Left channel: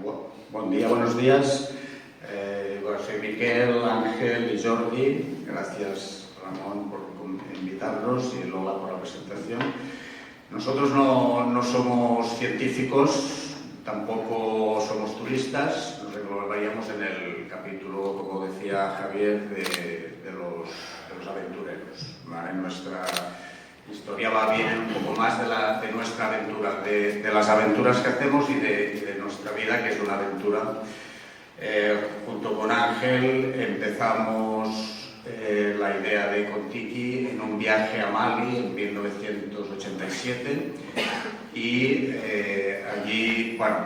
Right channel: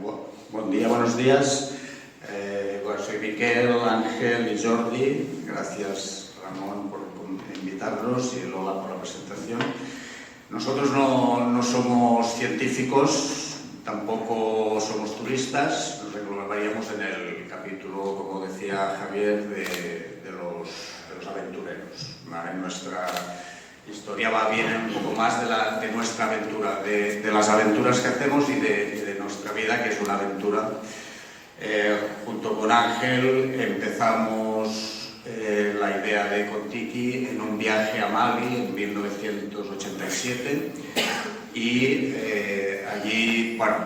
Buen día, buenos días. Soy Miquel, Ángel y Jordi. Gracias, Ramón, por invitarnos y Lola por la presentación. Nosotros no somos científicos, tampoco somos turistas. Nos englobaríamos en el capítulo, como decía Javier, de los aventureros. ¿Vale? Nuestra historia va bien un poco más de nuestra aventura, de las aventuras que hacemos y de nuestra vida, que es una aventura. Junto con Ángel empezamos la idea de Contiki en un viaje a Mali en 1987 y allí, bueno,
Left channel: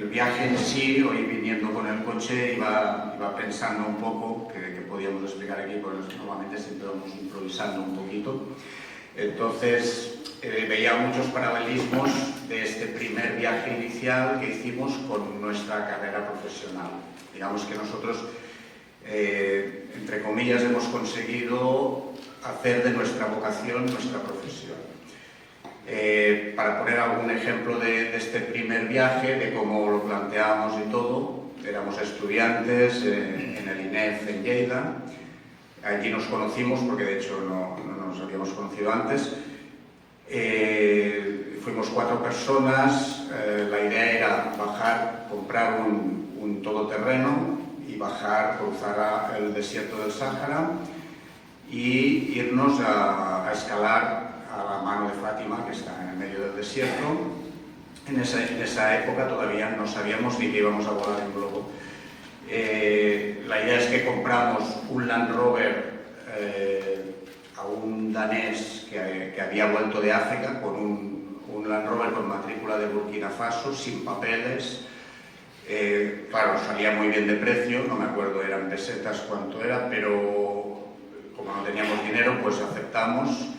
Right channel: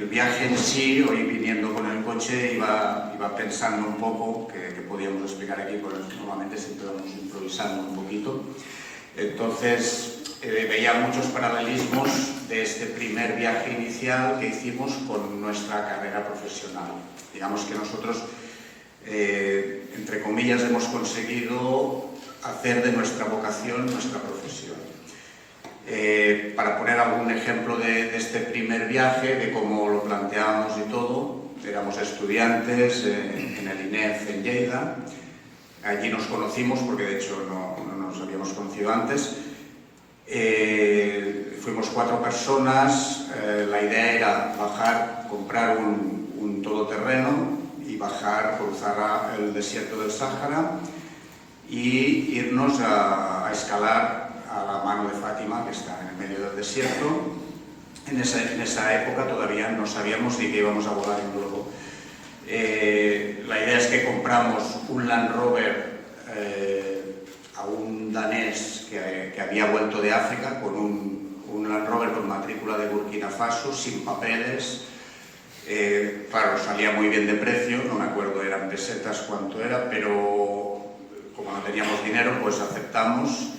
el viaje en sí, hoy viniendo con el coche, iba pensando un poco, que podíamos explicar aquí, porque normalmente siempre vamos improvisando un poquito. Entonces, veía muchos paralelismos de este primer viaje inicial que hicimos con nuestra carrera profesional. Digamos que nosotros, entre comillas, hemos conseguido hacer de nuestra vocación nuestra profesión. Para poner algún ejemplo de este primer viaje, de cómo lo planteábamos y todo, éramos estudiantes en el INEF en Lleida. Allí nos conocimos, porque de hecho no nos habíamos conocido antes. Fuimos 4 personas. La idea era bajar, comprar un todoterreno y bajar, cruzar el desierto del Sáhara y irnos a escalar a la mano de Fátima, que está en el medio del desierto. En esa época todavía no sabíamos ni que íbamos a volar en globo. La idea es que compramos un Land Rover a un danés que había vuelto de África con un Land Rover con matrícula de Burkina Faso, sin papeles. Claro, salía muy bien de precio, no me acuerdo, eran pesetas cuánto era, pero como no teníamos dinero, pues aceptamos.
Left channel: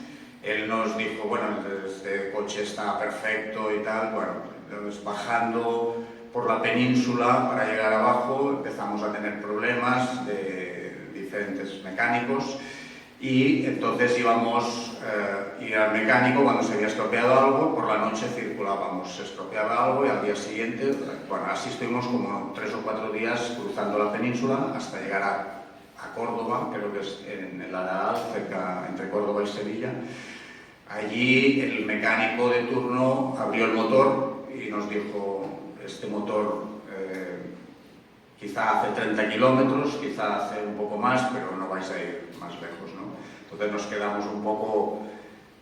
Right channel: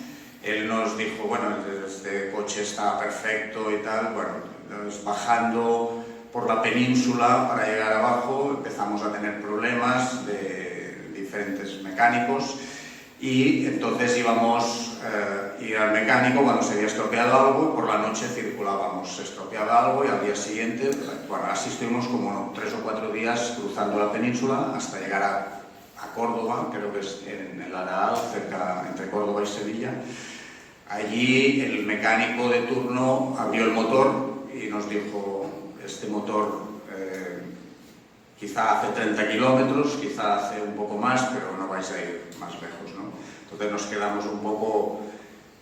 Él nos dijo, bueno, este coche está perfecto y tal. Bueno, entonces, bajando por la península para llegar abajo empezamos a tener problemas de diferentes mecánicos y entonces íbamos a ir al mecánico cuando se había estropeado algo. Por la noche circulábamos, se estropeaba algo y al día siguiente, bueno, así estuvimos como 3 o 4 días cruzando la península hasta llegar a Córdoba, creo que es en el Araal, cerca, entre Córdoba y Sevilla. Allí el mecánico de turno abrió el motor y nos dijo: este motor quizá hace 30 kilómetros, quizá hace un poco más, pero no vais a ir más lejos, ¿no? Entonces nos quedamos un poco,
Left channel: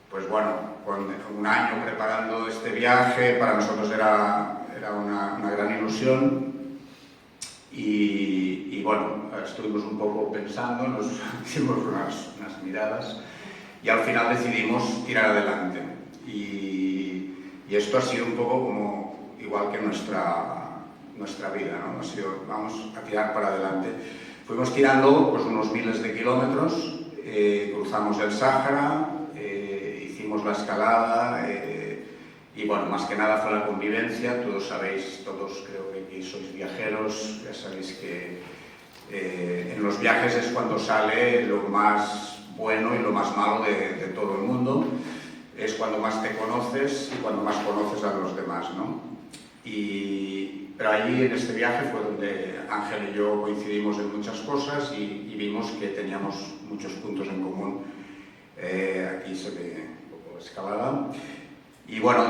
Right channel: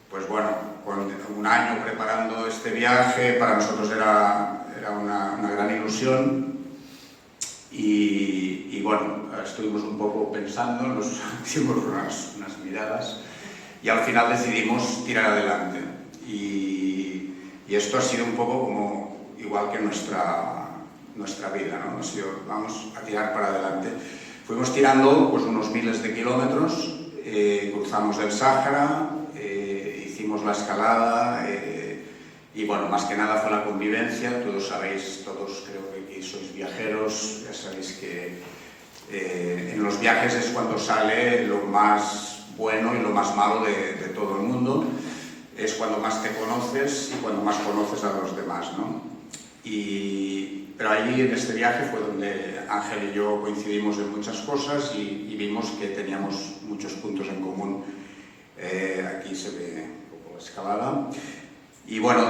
pues bueno, con un año preparando este viaje. Para nosotros era una gran ilusión y bueno, estuvimos un poco pensando, nos hicimos unas miradas y al final decidimos tirar adelante. Y esto ha sido un poco como igual que nuestra vida, ¿no? Ha sido, vamos a tirar para adelante. Fuimos tirando pues unos miles de kilómetros, cruzamos el Sáhara, hicimos la escalada y bueno, más que nada fue la convivencia. Todos sabéis, todos creo que aquí sois viajeros, ya sabéis que en los viajes es cuando sale lo más bueno y lo más malo de todo el mundo. Es cuando más te conoces y cuando más conoces a los demás, ¿no? Pero allí en este viaje fue donde Ángel y yo coincidimos en muchas cosas y vimos que teníamos muchos puntos en común. Aquí se ve un poco la escalada. Y bueno,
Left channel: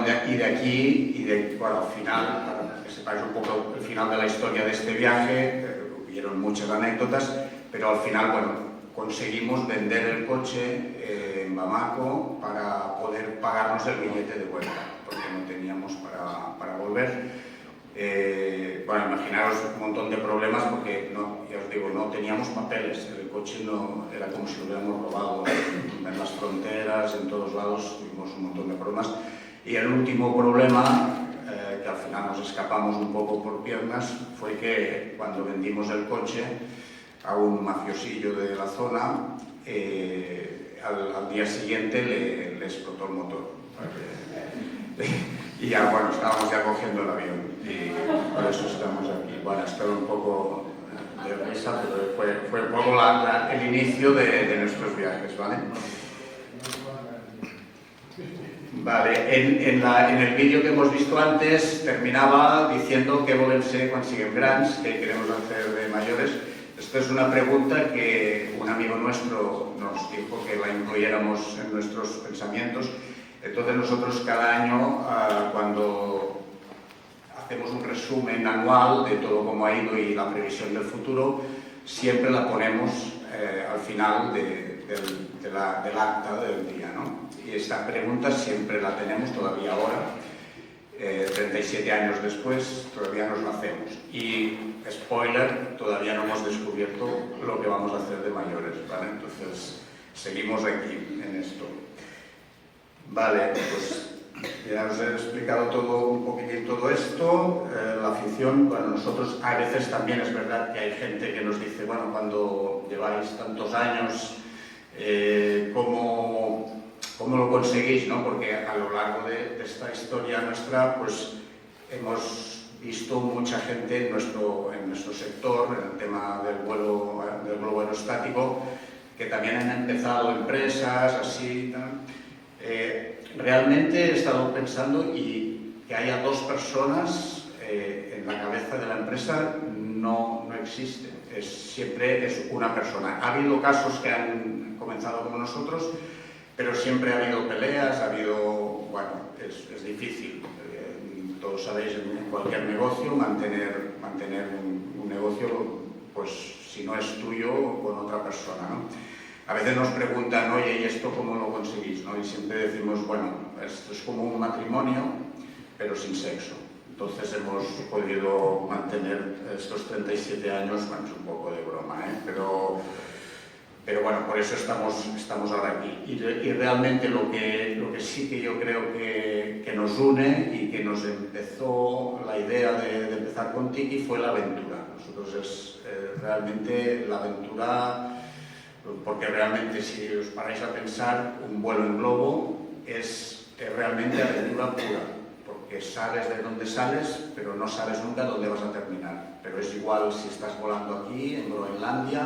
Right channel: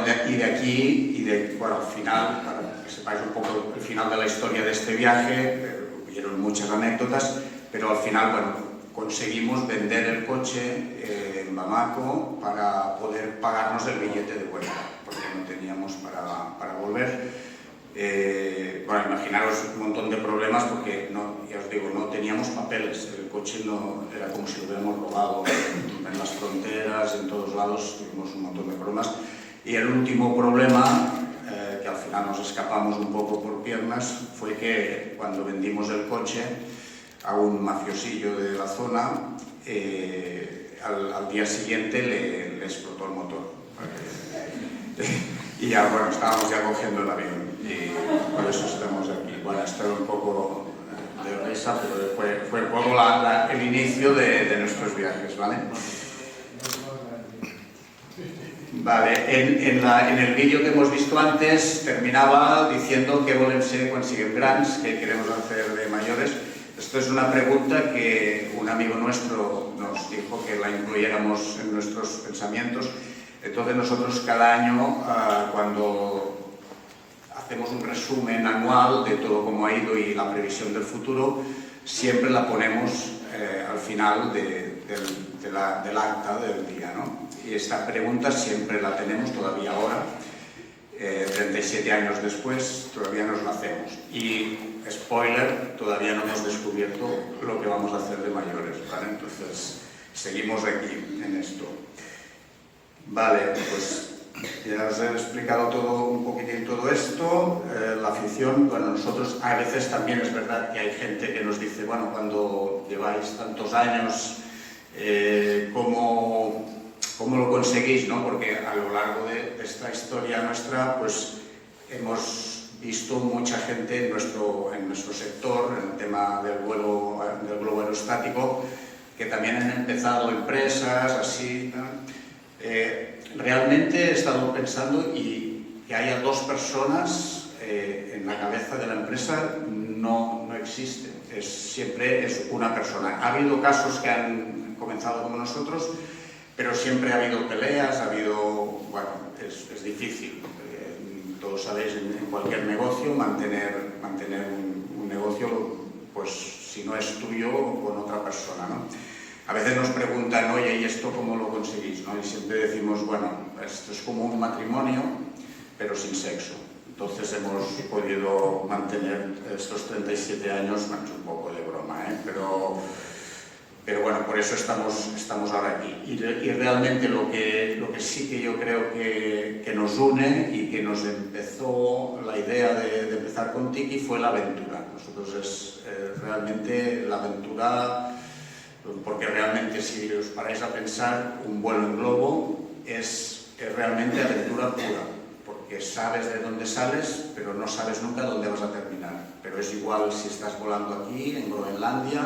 bueno, al final, para que sepáis un poco el final de la historia de este viaje, hubieron muchas anécdotas, pero al final, bueno, conseguimos vender el coche en Bamako para poder pagarnos el billete de vuelta, porque no teníamos para volver. Bueno, imaginaros un montón de problemas porque, ya os digo, no teníamos papeles. El coche no era como si lo hubiéramos robado. En las fronteras, en todos lados, tuvimos un montón de problemas. Y el último problema, que al final nos escapamos un poco por piernas, fue que cuando vendimos el coche a un mafiosillo de la zona, al día siguiente le explotó el motor. Y ya, bueno, estábamos ya cogiendo el avión y por eso estamos aquí. Bueno, esto un poco de risa, pero fue un poco el inicio de nuestros viajes, ¿vale? Vale, en el vídeo que hemos visto antes terminaba diciendo qué volem ser quan siguem grans, qué queremos hacer de mayores. Esto es una pregunta que un amigo nuestro nos dijo que la incluyéramos en nuestros pensamientos. Entonces nosotros cada año, cuando hacemos un resumen anual de todo cómo ha ido y la previsión del futuro, siempre la ponemos al final del acta del día, ¿no? Y esta pregunta siempre la tenemos todavía ahora, 37 años después, todavía nos la hacemos. Y, spoiler, todavía no hemos descubierto lo que vamos a hacer de mayores, ¿vale? Entonces, seguimos aquí, en esto. Vale, pues ya os he explicado un poquitín todo esto. La afición, bueno, nosotros a veces también es verdad que hay gente que nos dice, bueno, cuando lleváis tantos años, ¿cómo lo conseguís, ¿no? Porque a lo largo de esta historia nuestra, pues hemos visto mucha gente en nuestro sector, en el tema del globo aerostático, que también han empezado empresas, así, ¿no? Realmente he estado pensando y que haya dos personas en la cabeza de la empresa no existe, siempre es una persona. Ha habido casos que han comenzado como nosotros, pero siempre ha habido peleas, bueno, es difícil. Todos sabéis, en cualquier negocio, mantener un negocio, pues si no es tuyo, con otra persona, ¿no? A veces nos preguntan, oye, ¿y esto cómo lo conseguís, ¿no? Y siempre decimos, bueno, esto es como un matrimonio, pero sin sexo. Entonces hemos podido mantener estos 37 años, bueno, es un poco de broma, pero bueno, por eso estamos ahora aquí. Y realmente lo que sí que yo creo que nos une y que nos empezó la idea de empezar con Tiki fue la aventura. Nosotros realmente la aventura, porque realmente si os paráis a pensar, un vuelo en globo es realmente aventura pura, porque sabes de dónde sales, pero no sabes nunca dónde vas a terminar. Pero es igual si estás volando aquí, en Groenlandia,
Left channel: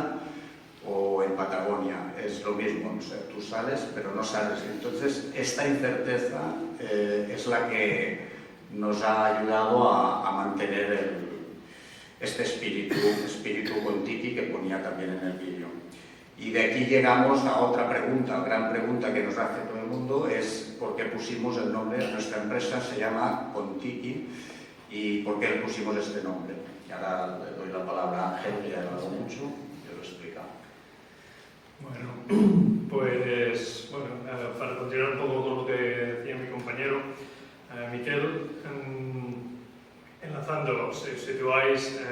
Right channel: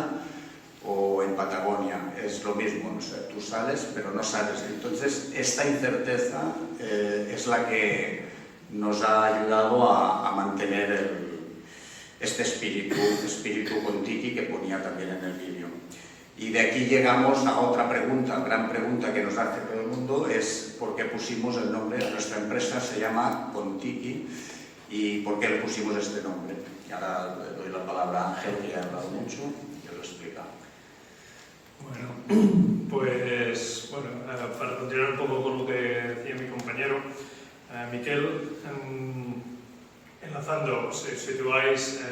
o en Patagonia, es lo mismo, o sea, tú sales pero no sales. Entonces esta incerteza es la que nos ha ayudado a mantener este espíritu con Tiki que ponía también en el vídeo. Y de aquí llegamos a otra pregunta, gran pregunta que nos hace todo el mundo, es por qué pusimos el nombre de nuestra empresa, se llama Contiki, y por qué le pusimos este nombre. Y ahora le doy la palabra a Ángel, que ha hablado mucho, y os lo explica. Bueno, pues para continuar un poco con lo que decía mi compañero Miquel, enlazando, si situáis,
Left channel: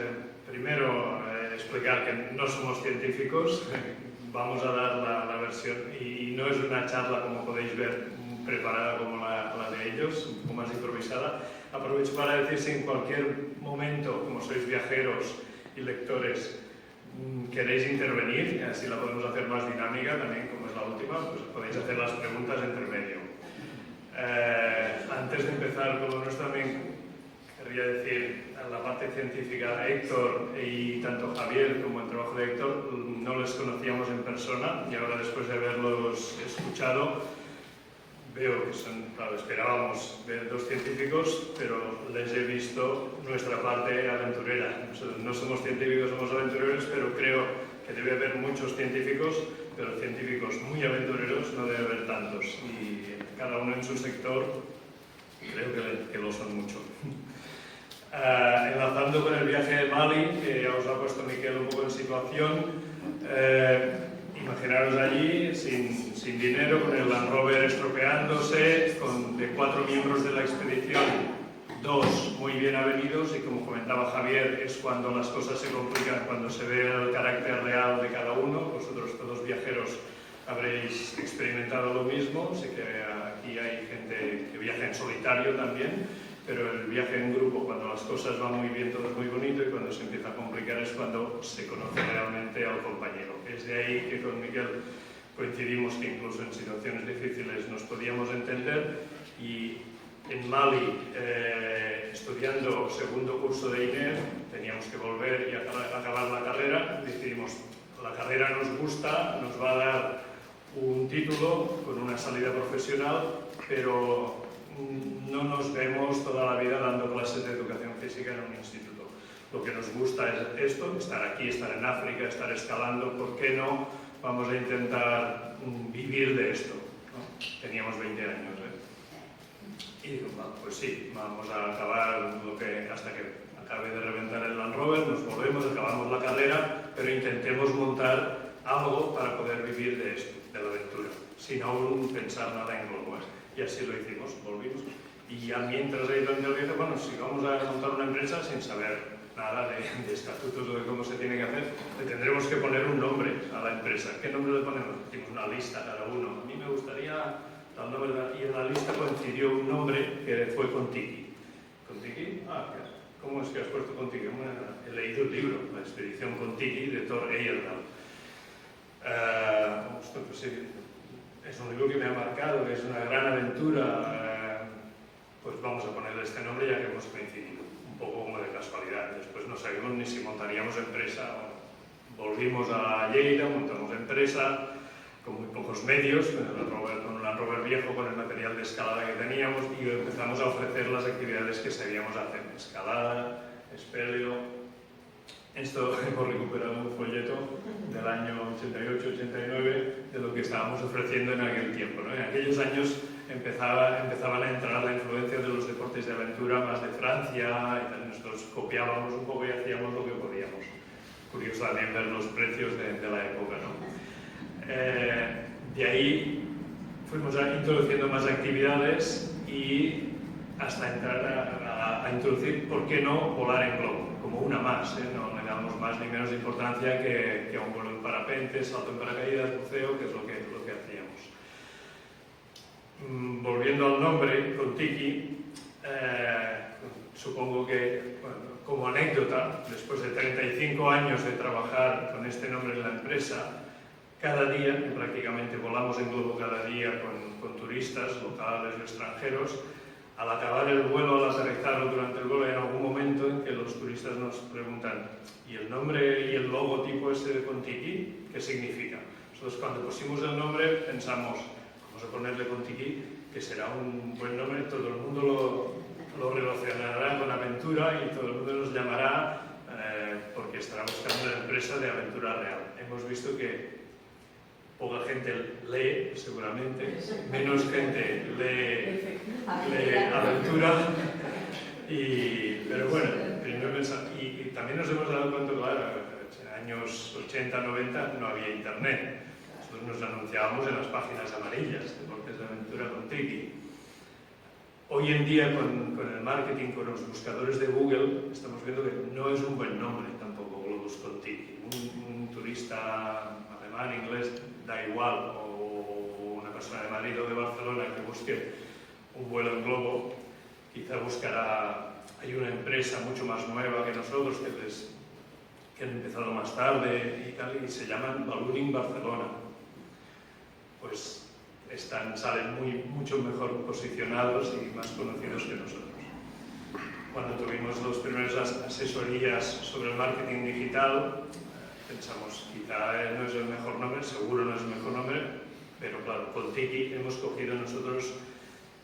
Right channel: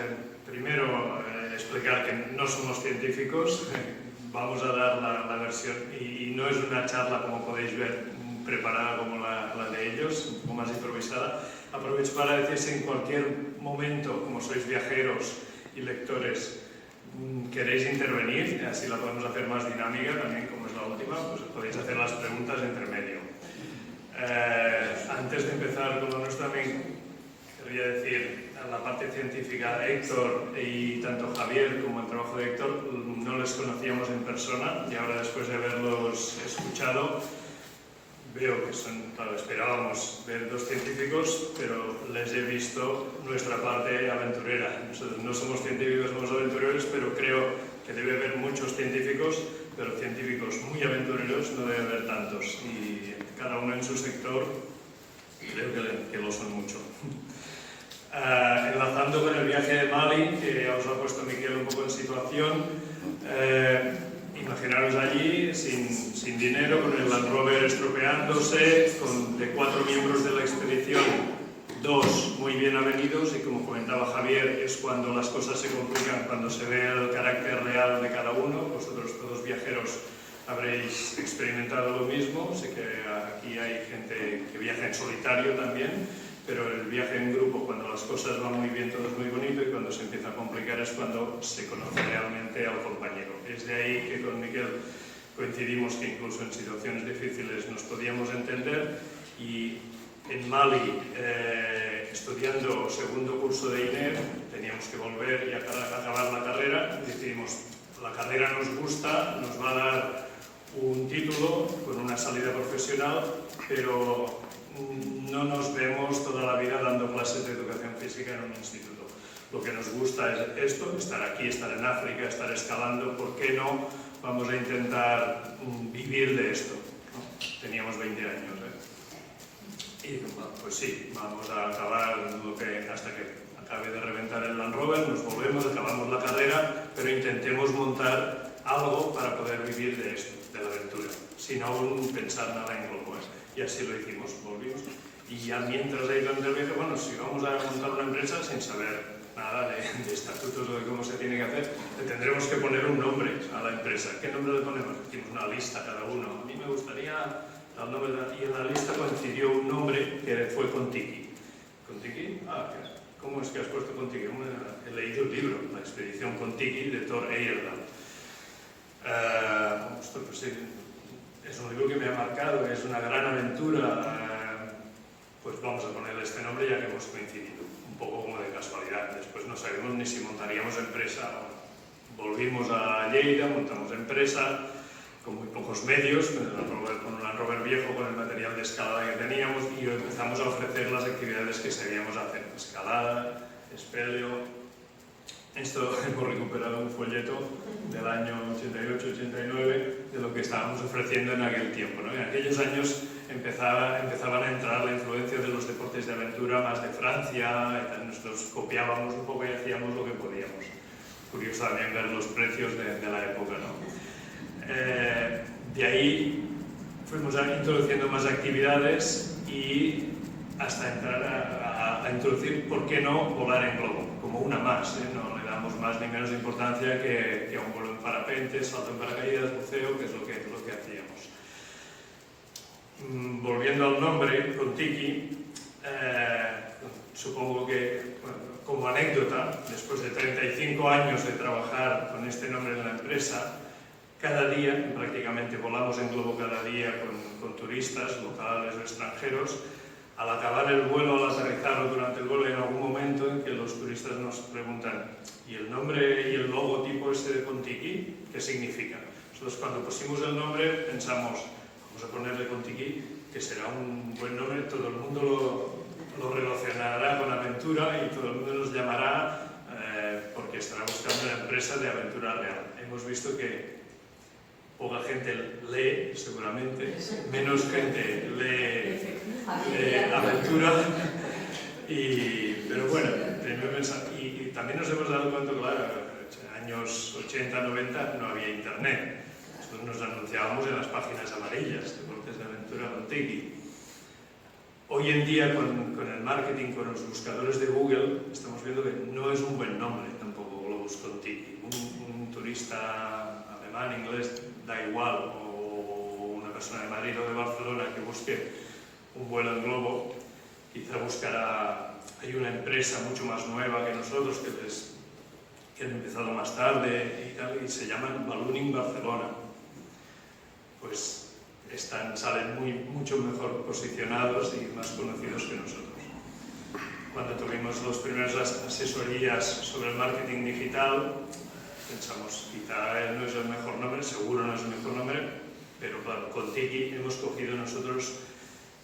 primero explicar que no somos científicos, vamos a dar la versión, y no es una charla, como podéis ver, preparada como la de ellos, un poco más improvisada. Aprovecho para decir si en cualquier momento, como sois viajeros y lectores, queréis intervenir, así la podemos hacer más dinámica también, como es la última, pues podéis hacer las preguntas entre medio. Antes de empezar con lo nuestro, también quería decir, en la parte científica, Héctor y tanto Javier como el trabajo de Héctor no les conocíamos en persona, y ahora, después de haberlos escuchado, veo que son, claro, esperábamos ver dos científicos, pero les he visto nuestra parte aventurera. Nosotros no somos científicos, somos aventureros, pero creo que debe haber muchos científicos, pero científicos muy aventureros no debe haber tantos. Y cada uno en su sector, creo que lo son mucho. Enlazando con el viaje de Mali, que ya os ha puesto Miquel un poco en situación, imaginaros allí sin dinero, con el Land Rover estropeándose, de 4 miembros de la expedición, 2 muy bien avenidos, y como comentaba Javier, es cuando las cosas se complican, cuando se ve el carácter real de cada uno. Vosotros, todos viajeros, habréis experimentado lo mismo. Sé que aquí hay gente que viaja en solitario también, pero el viaje en grupo, cuando las cosas van muy bien, todo es muy bonito, y cuando se empieza a complicar es cuando se conoce realmente al compañero. Es de ahí que con Miguel coincidimos que incluso en situaciones difíciles nos podíamos entender, y en Mali, estudiando segundo curso de INEF, teníamos que volver y acabar la carrera. Decidimos, la carrera nos gusta, nos va a dar un título con una salida profesional, pero no nos vemos toda la vida dando clases de educación física en un instituto. Lo que nos gusta es esto, estar aquí, estar en África, estar escalando. ¿Por qué no vamos a intentar vivir de esto? ¿No? Teníamos 20 años, Y pues sí, vamos a acabar hasta que acabe de reventar el Land Rover, nos volvemos, acabamos la carrera, pero intentemos montar algo para poder vivir de esto, de la aventura, sin aún pensar nada en globo. Y así lo hicimos, volvimos. Y ya mientras he ido en el viaje, bueno, si vamos a montar una empresa sin saber nada de estatutos o de cómo se tiene que hacer, le tendremos que poner un nombre a la empresa. ¿Qué nombre le ponemos? Decimos una lista cada uno. A mí me gustaría tal nombre, y en la lista coincidió un nombre que fue Kon-Tiki. ¿Kon-Tiki? ¿Cómo es que has puesto Kon-Tiki? He leído el libro, La expedición Kon-Tiki, de Thor Heyerdahl. Pues sí, es un libro que me ha marcado, que es una gran aventura. Pues vamos a ponerle este nombre ya que hemos coincidido, un poco como de casualidad. Después no sabíamos ni si montaríamos empresa. Volvimos a Lleida, montamos empresa con muy pocos medios, con un Land Rover viejo, con el material de escalada que teníamos, y empezamos a ofrecer las actividades que seguíamos haciendo: escalada, espeleo. Esto hemos recuperado un folleto del año 88-89 de lo que estábamos ofreciendo en aquel tiempo, ¿no? En aquellos años empezaban a entrar la influencia de los deportes de aventura más de Francia, y tal. Nosotros copiábamos un poco y hacíamos lo que podíamos. Curioso también ver los precios de la época, ¿no? De ahí fuimos introduciendo más actividades y hasta entrar a introducir, ¿por qué no?, volar en globo, como una más, no le damos más ni menos importancia que a un vuelo en parapente, salto en paracaídas, buceo, que es lo que hacíamos. Volviendo al nombre, Kon-Tiki, supongo que, bueno, como anécdota, después de 35 años de trabajar con este nombre en la empresa, cada día, prácticamente volamos en globo cada día con turistas locales o extranjeros. Al acabar el vuelo, al aterrizar durante el vuelo, hay algún momento en que los turistas nos preguntan: ¿y el nombre y el logotipo ese de Kon-Tiki qué significa? Nosotros, cuando pusimos el nombre, pensamos: vamos a ponerle Kon-Tiki, que será un buen nombre, todo el mundo lo relacionará con aventura y todo el mundo nos llamará porque estará buscando una empresa de aventura real. Hemos visto que poca gente lee, seguramente, menos gente lee aventura, pero bueno, y también nos hemos dado cuenta, claro, en años 80, 90 no había internet. Nosotros nos anunciábamos en las páginas amarillas, deportes de aventura Kon-Tiki. Hoy en día, con el marketing, con los buscadores de Google, estamos viendo que no es un buen nombre tampoco Globus Kon-Tiki. Un turista alemán, inglés, da igual, o una persona de Madrid o de Barcelona que busque un vuelo en globo, quizá buscará. Hay una empresa mucho más nueva que nosotros, que han empezado más tarde y tal, y se llaman Ballooning Barcelona. Pues salen mucho mejor posicionados y más conocidos que nosotros. Cuando tuvimos las primeras asesorías sobre el marketing digital, pensamos, quizá no es el mejor nombre, seguro no es el mejor nombre, pero claro, con Tiki hemos cogido nosotros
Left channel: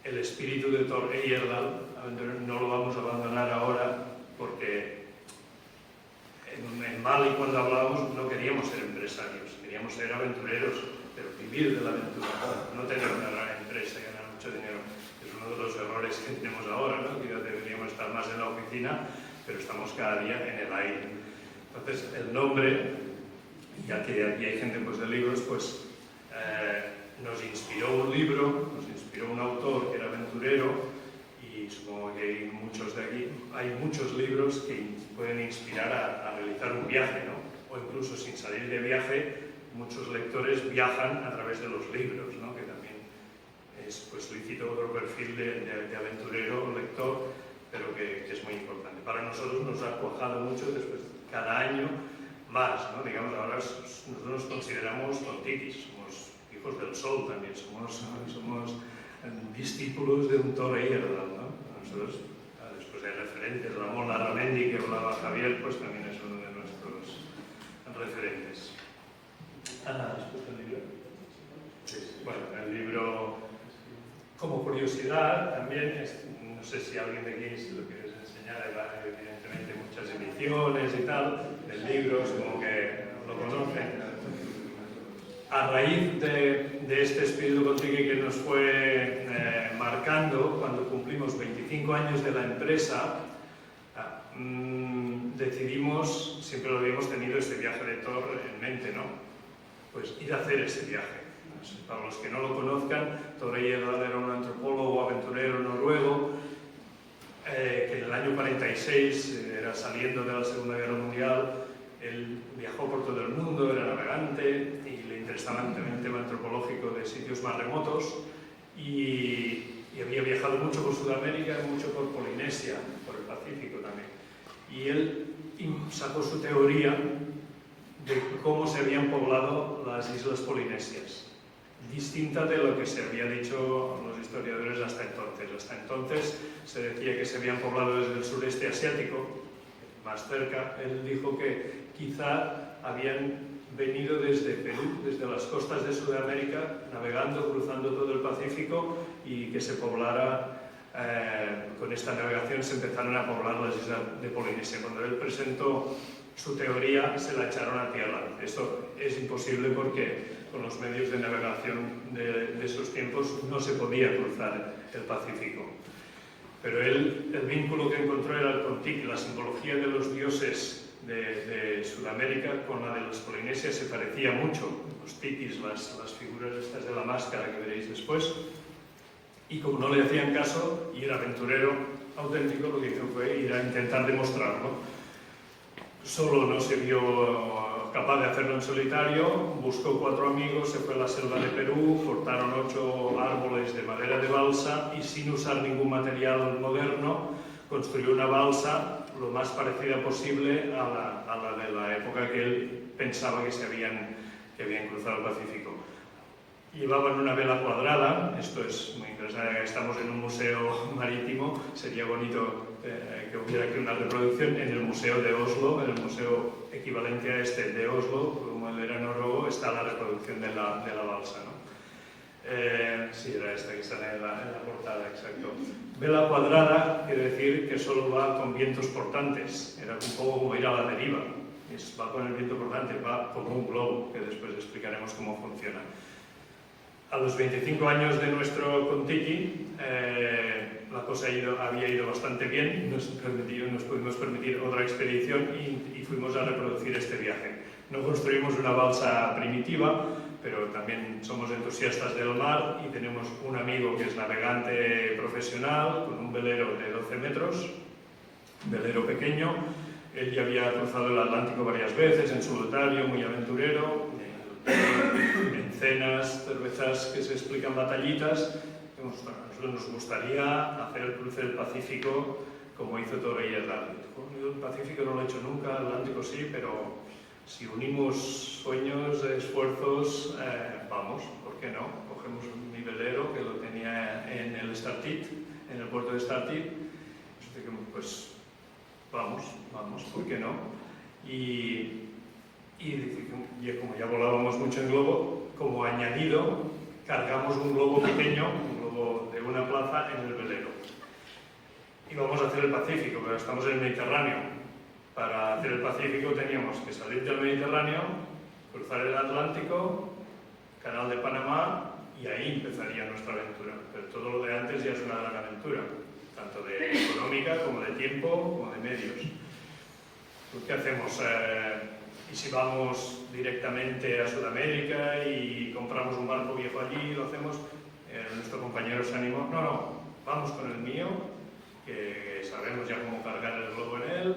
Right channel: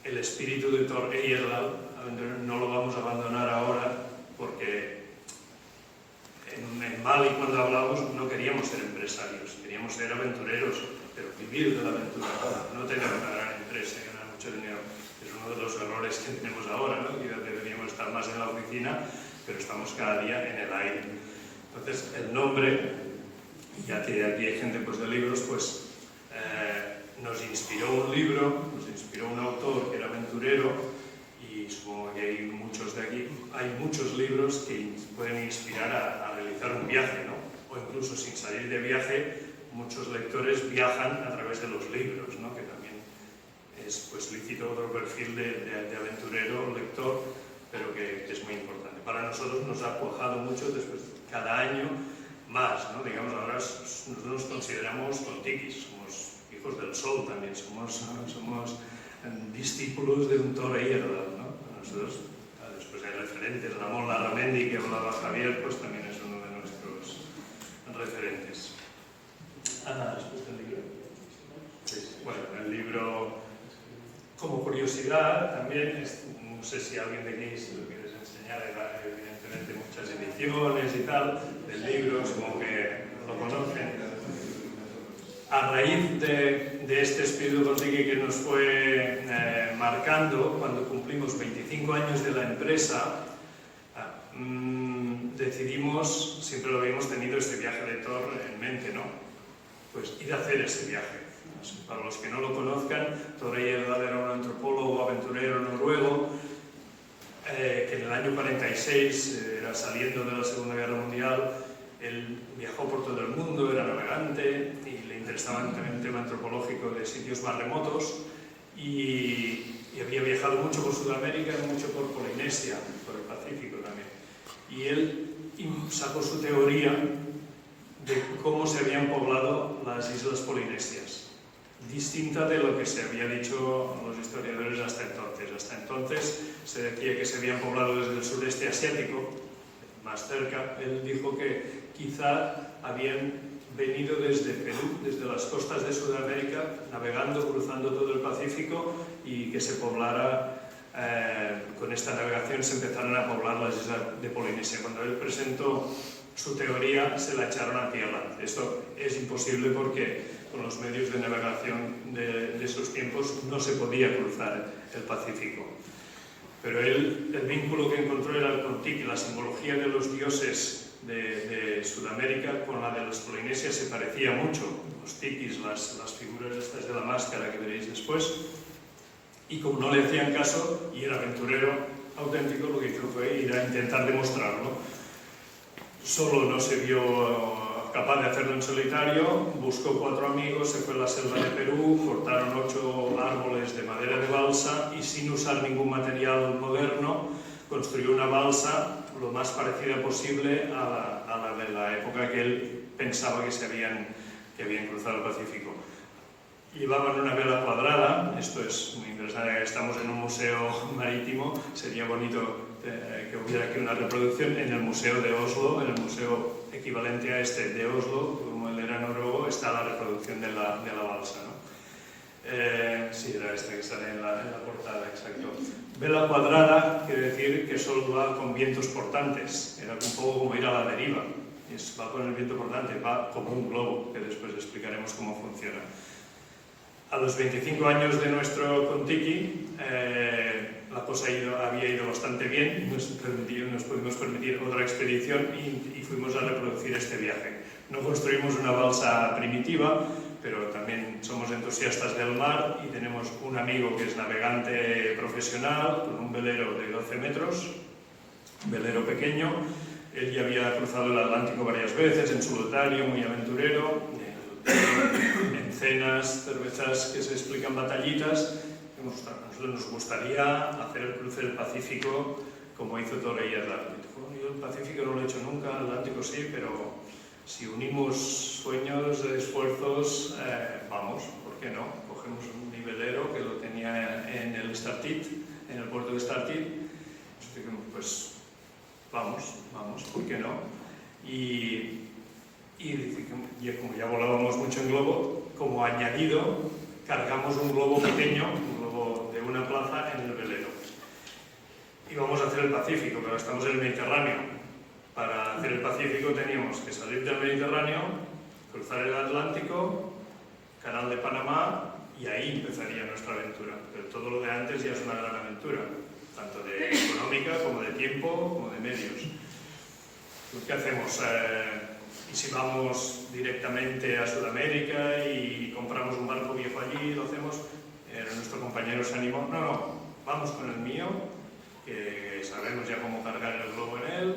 el espíritu de Thor Heyerdahl. No lo vamos a abandonar ahora, porque en Mali, cuando hablábamos, no queríamos ser empresarios, queríamos ser aventureros, pero vivir de la aventura, no tener una gran empresa y ganar mucho dinero. Es uno de los errores que tenemos ahora, ¿no? Que deberíamos estar más en la oficina, pero estamos cada día en el aire. Entonces, el nombre, ya que aquí hay gente pues, de libros, pues nos inspiró un libro, nos inspiró un autor que era aventurero, y supongo que hay muchos de aquí, hay muchos libros que pueden inspirar a realizar un viaje, ¿no? O incluso sin salir de viaje, muchos lectores viajan a través de los libros, ¿no? Que también es pues, lícito otro perfil de aventurero o lector, pero que es muy importante. Para nosotros nos ha cuajado mucho después, cada año más, ¿no? Digamos, ahora nosotros nos consideramos Kon-Tikis, somos hijos del sol también, somos discípulos de un Thor Heyerdahl, ¿no? Nosotros, después hay referentes, Ramón Larramendi, que hablaba Javier, pues también es uno de nuestros referentes. ¿Has puesto el libro? Sí. Bueno, el libro, como curiosidad, sé si alguien de aquí se lo quieres enseñar, era evidentemente muchas ediciones y tal, del libro, supongo que lo conocen. A raíz de este espíritu Contiki que nos fue marcando, cuando cumplimos 25 años de la empresa, decidimos, siempre lo habíamos tenido este viaje de Thor en mente, ¿no? Pues ir a hacer ese viaje. Para los que no lo conozcan, Thor Heyerdahl era un antropólogo aventurero noruego que en el año 46, era saliendo de la Segunda Guerra Mundial, él viajó por todo el mundo, era navegante y le interesaba también el tema antropológico de sitios más remotos y había viajado mucho por Sudamérica y mucho por Polinesia, por el Pacífico también. Y él sacó su teoría de cómo se habían poblado las islas polinesias, distinta de lo que se había dicho los historiadores hasta entonces. Hasta entonces se decía que se habían poblado desde el sureste asiático, más cerca. Él dijo que quizá habían venido desde Perú, desde las costas de Sudamérica, navegando, cruzando todo el Pacífico, y que se poblara, con esta navegación se empezaron a poblar las islas de Polinesia. Cuando él presentó su teoría, se la echaron a tierra. Esto es imposible porque con los medios de navegación de esos tiempos no se podía cruzar el Pacífico. Pero él, el vínculo que encontró era el Contiki, la simbología de los dioses de Sudamérica con la de las Polinesias se parecía mucho. Los tikis, las figuras estas de la máscara que veréis después. Y como no le hacían caso, y era aventurero auténtico, lo que hizo fue ir a intentar demostrarlo. Solo no se vio capaz de hacerlo en solitario, buscó 4 amigos, se fue a la selva de Perú, cortaron 8 árboles de madera de balsa y sin usar ningún material moderno, construyó una balsa lo más parecida posible a la de la época que él pensaba que habían cruzado el Pacífico. Llevaban una vela cuadrada, esto es muy interesante, estamos en un museo marítimo, sería bonito que hubiera aquí una reproducción en el museo de Oslo, en el museo equivalente a este de Oslo, como él era noruego, está la reproducción de la balsa, ¿no? Sí, era esta que sale en la portada, exacto. Vela cuadrada quiere decir que solo va con vientos portantes, era un poco como ir a la deriva, va con el viento portante, va como un globo, que después explicaremos cómo funciona. A los 25 años de nuestro Contiki, la cosa había ido bastante bien, nos pudimos permitir otra expedición y fuimos a reproducir este viaje. No construimos una balsa primitiva, pero también somos entusiastas del mar y tenemos un amigo que es navegante profesional con un velero de 12 metros, velero pequeño. Él ya había cruzado el Atlántico varias veces en solitario, muy aventurero, en cenas, cervezas que se explican batallitas. A nosotros nos gustaría hacer el cruce del Pacífico como hizo Thor Heyerdahl. Yo el Pacífico no lo he hecho nunca, el Atlántico sí, pero si unimos sueños, esfuerzos, vamos, ¿por qué no? Cogemos un nivelero que lo tenía en el Estartit, en el puerto de Estartit, pues vamos, ¿por qué no? Y como ya volábamos mucho en globo, como añadido, cargamos un globo pequeño, un globo de una plaza en el velero. Y vamos a hacer el Pacífico, pero estamos en el Mediterráneo. Para hacer el Pacífico teníamos que salir del Mediterráneo, cruzar el Atlántico, Canal de Panamá, y ahí empezaría nuestra aventura. Pero todo lo de antes ya es una gran aventura, tanto de económica como de tiempo, como de medios. ¿Qué hacemos? Y si vamos directamente a Sudamérica y compramos un barco viejo allí, lo hacemos, nuestro compañero se animó, no, vamos con el mío, que sabemos ya cómo cargar el globo en él,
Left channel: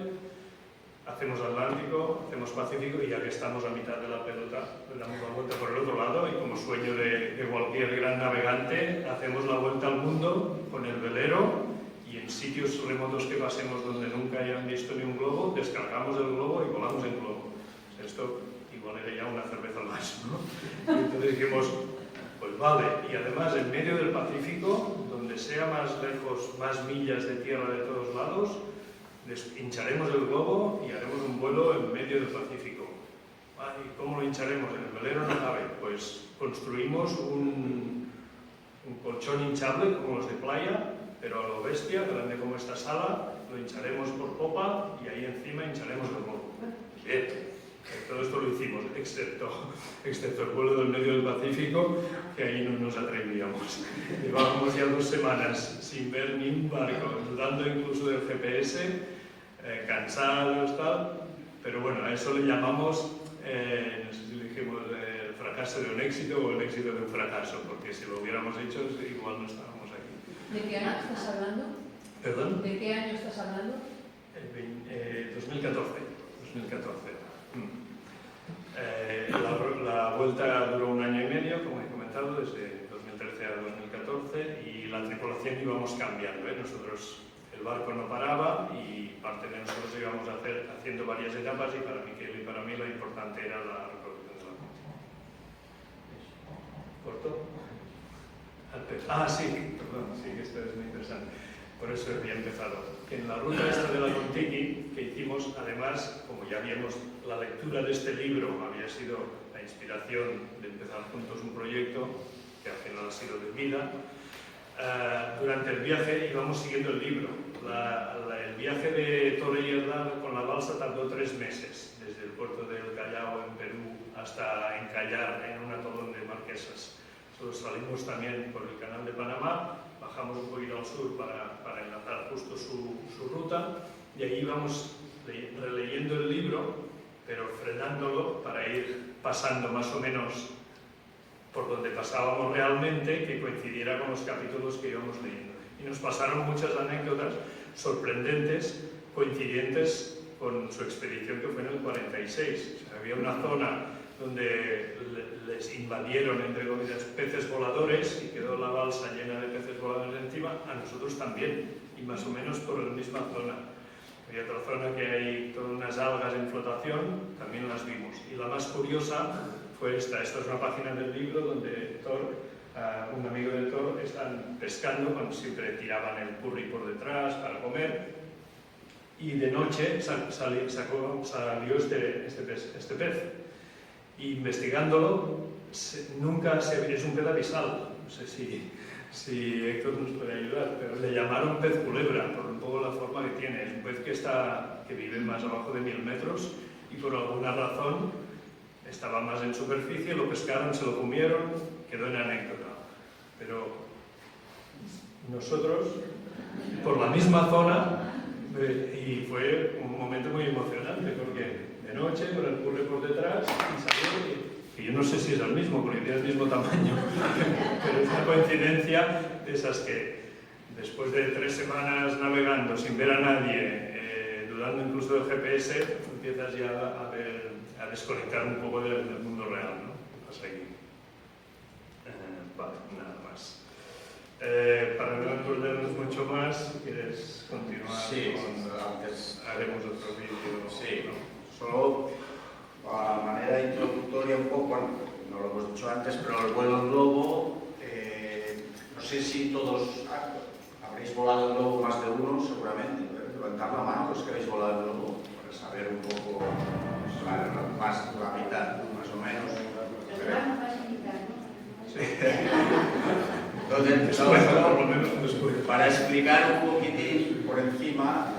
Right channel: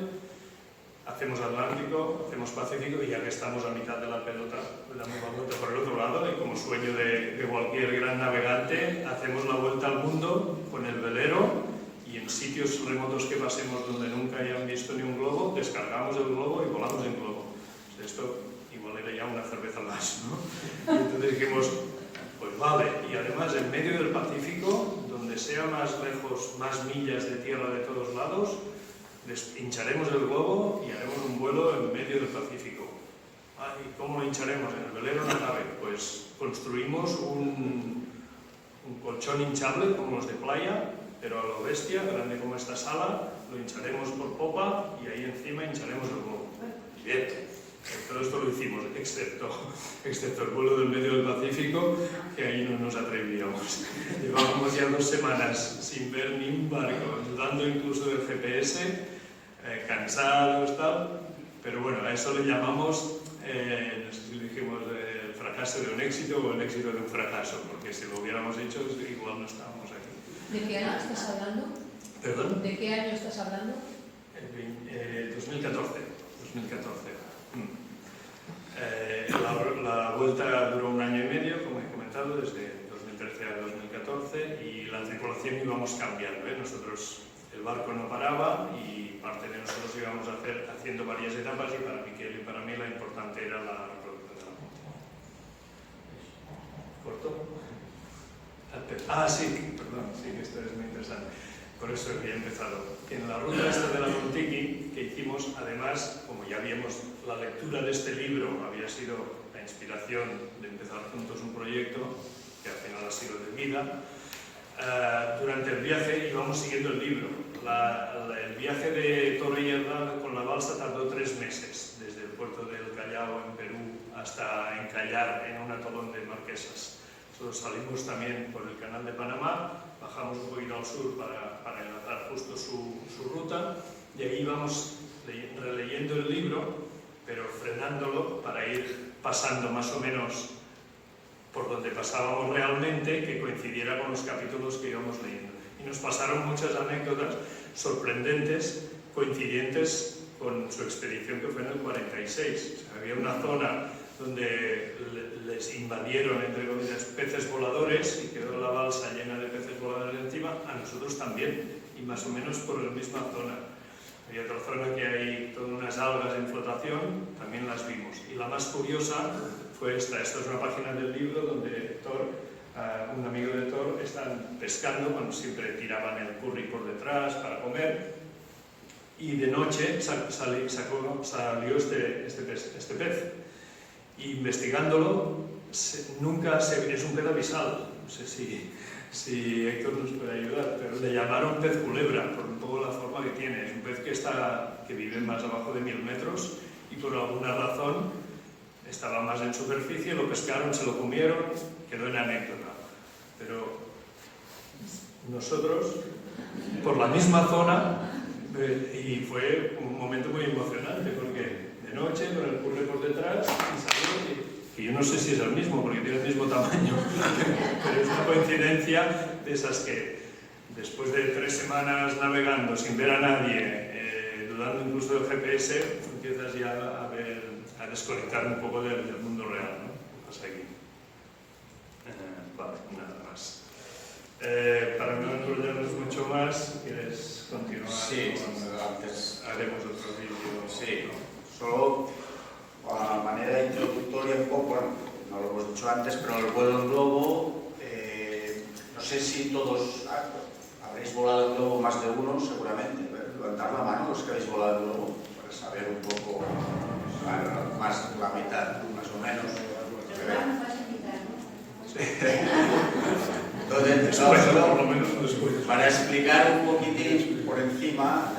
hacemos Atlántico, hacemos Pacífico y ya que estamos a mitad de la pelota, le damos la vuelta por el otro lado y como sueño de cualquier gran navegante, hacemos la vuelta al mundo con el velero y en sitios remotos que pasemos donde nunca hayan visto ni un globo, descargamos el globo y volamos en globo. Esto igual era ya una cerveza más, ¿no? Y entonces dijimos, pues vale, y además en medio del Pacífico, donde sea más lejos, más millas de tierra de todos lados, hincharemos el globo y haremos un vuelo en medio del Pacífico. ¿Y cómo lo hincharemos? ¿En el velero? No cabe. Pues construimos un colchón hinchable, como los de playa, pero a lo bestia, grande como esta sala, lo hincharemos por popa y ahí encima hincharemos el globo. Bien. Todo esto lo hicimos, excepto el vuelo del medio del Pacífico, que ahí no nos atrevíamos. Llevábamos ya 2 semanas sin ver ni un barco, dudando incluso del GPS, cansados, tal. Pero bueno, a eso le llamamos, no sé si le dijimos, el fracaso de un éxito o el éxito de un fracaso, porque si lo hubiéramos hecho, igual no estábamos aquí. ¿De qué año estás hablando? ¿Perdón? ¿De qué año estás hablando? 2014. La vuelta duró 1 año y medio, como he comentado, desde 2013 a 2014, y la tripulación íbamos cambiando. Nosotros, el barco no paraba y parte de nosotros íbamos haciendo varias etapas, y para Miquel y para mí la importante era la recolección de la montaña. ¿Corto? Sí, perdón, sí que esto es muy interesante. Por eso había empezado. En la ruta esta de la Contiki que hicimos, además, como ya vimos, la lectura de este libro había sido la inspiración de empezar juntos un proyecto que al final ha sido de vida. Durante el viaje íbamos siguiendo el libro. El viaje de Torrellas con la balsa tardó 3 meses, desde el puerto del Callao en Perú hasta encallar en un atolón de Marquesas. Nosotros salimos también por el canal de Panamá, bajamos un poquito al sur para enlazar justo su ruta, y ahí íbamos releyendo el libro, pero frenándolo para ir pasando más o menos por donde pasábamos realmente, que coincidiera con los capítulos que íbamos leyendo. Y nos pasaron muchas anécdotas sorprendentes, coincidentes con su expedición, que fue en el 46. O sea, había una zona donde les invadieron, entre comillas, peces voladores, y quedó la balsa llena de peces voladores encima, a nosotros también, y más o menos por la misma zona. Hay otra zona que hay todas unas algas en flotación, también las vimos. Y la más curiosa fue esta es una página del libro donde Thor, un amigo de Thor, están pescando cuando siempre tiraban el curry por detrás para comer, y de noche salió este pez. Investigándolo, nunca es un pez abisal, no sé si Héctor nos puede ayudar, pero le llamaron pez culebra por un poco la forma que tiene. Es un pez que vive más abajo de 1000 metros, y por alguna razón estaba más en superficie, lo pescaron, se lo comieron, quedó en anécdota. Pero nosotros, por la misma zona, y fue un momento muy emocionante, porque de noche, con el curry por detrás, y salió, y yo no sé si es el mismo, porque tiene el mismo tamaño, pero es una coincidencia de esas que, después de 3 semanas navegando sin ver a nadie, dudando incluso del GPS, empiezas ya a desconectar un poco del mundo real, ¿no? Pues ahí. Vale, nada más. Para no enrollarnos mucho más, ¿quieres continuar? Sí, antes haremos otro vídeo. Sí, solo a manera introductoria un poco, bueno, no lo hemos dicho antes, pero el vuelo en globo, no sé si todos habréis volado en globo, más de uno seguramente, pero levantar la mano los que habéis volado en globo, para saber un poco, más la mitad, más o menos. Entonces, para explicar un poquitín por encima,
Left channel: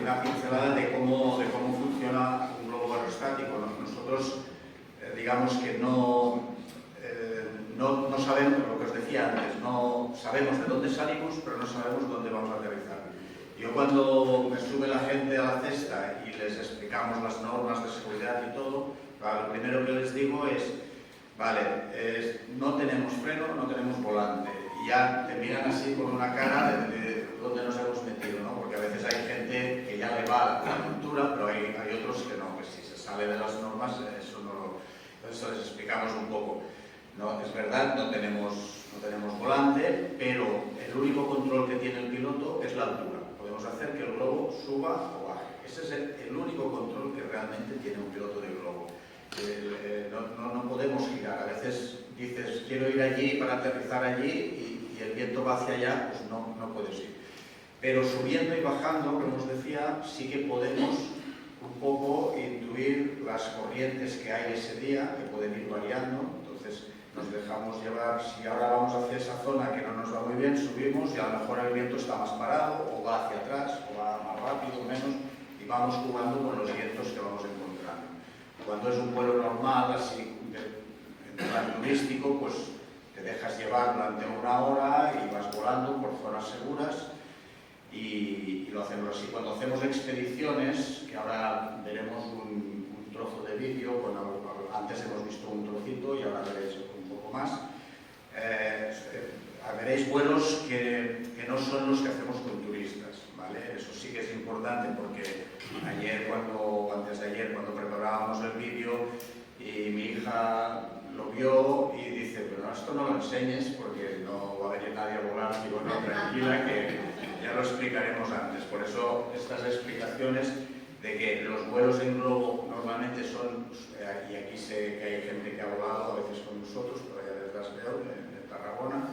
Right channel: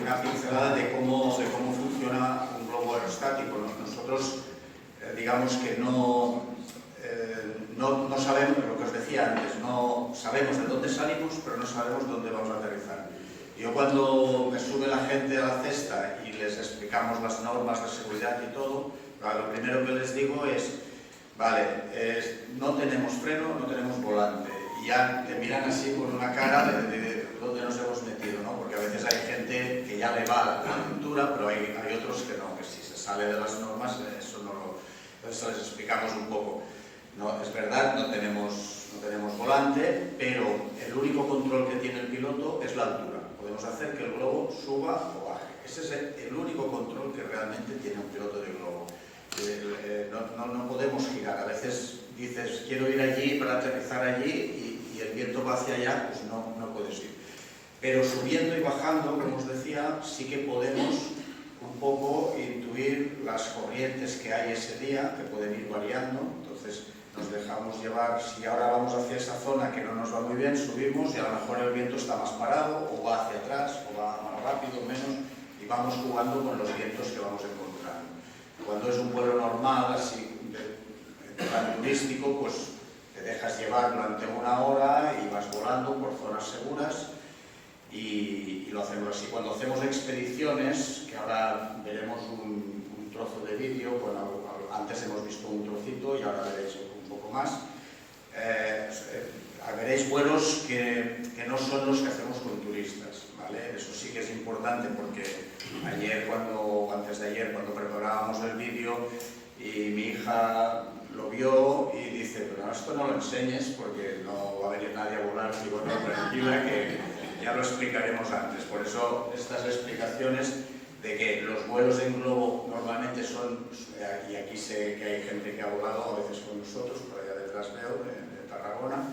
una pincelada de cómo funciona un globo aerostático. Nosotros, digamos que no sabemos, lo que os decía antes, no sabemos de dónde salimos, pero no sabemos dónde vamos a aterrizar. Yo, cuando me sube la gente a la cesta y les explicamos las normas de seguridad y todo, lo primero que les digo es: vale, no tenemos freno, no tenemos volante. Y ya te miran así con una cara de dónde nos hemos metido, ¿no? Porque a veces hay gente que ya le va la cultura, pero hay otros que no, que si se sale de las normas, eso les explicamos un poco. No, es verdad, no tenemos volante, pero el único control que tiene el piloto es la altura. Podemos hacer que el globo suba o baje. Ese es el único control que realmente tiene un piloto de globo. No podemos girar. A veces dices, quiero ir allí para aterrizar allí, y el viento va hacia allá, pues no puedes ir. Pero subiendo y bajando, como os decía, sí que podemos un poco intuir las corrientes que hay ese día, que pueden ir variando. Entonces, nos dejamos llevar. Si ahora vamos hacia esa zona que no nos va muy bien, subimos y a lo mejor el viento está más parado o va hacia atrás o va más rápido o menos, y vamos jugando con los vientos que vamos encontrando. Cuando es un vuelo normal, así, en plan turístico, pues te dejas llevar durante una hora y vas volando por zonas seguras y lo hacemos así. Cuando hacemos expediciones, que ahora veremos un trozo de vídeo, bueno, antes hemos visto un trocito y ahora veréis un poco más, veréis vuelos que no son los que hacemos con turistas, ¿vale? Eso sí que es importante porque antes de ayer, cuando preparábamos el vídeo, y mi hija lo vio y dice, pero esto no lo enseñes porque no va a venir nadie a volar, y bueno, tranquila, que ya lo explicaremos antes. Por eso estas explicaciones de que los vuelos en globo normalmente son, y aquí sé que hay gente que ha volado a veces con nosotros, por allá detrás veo, de Tarragona,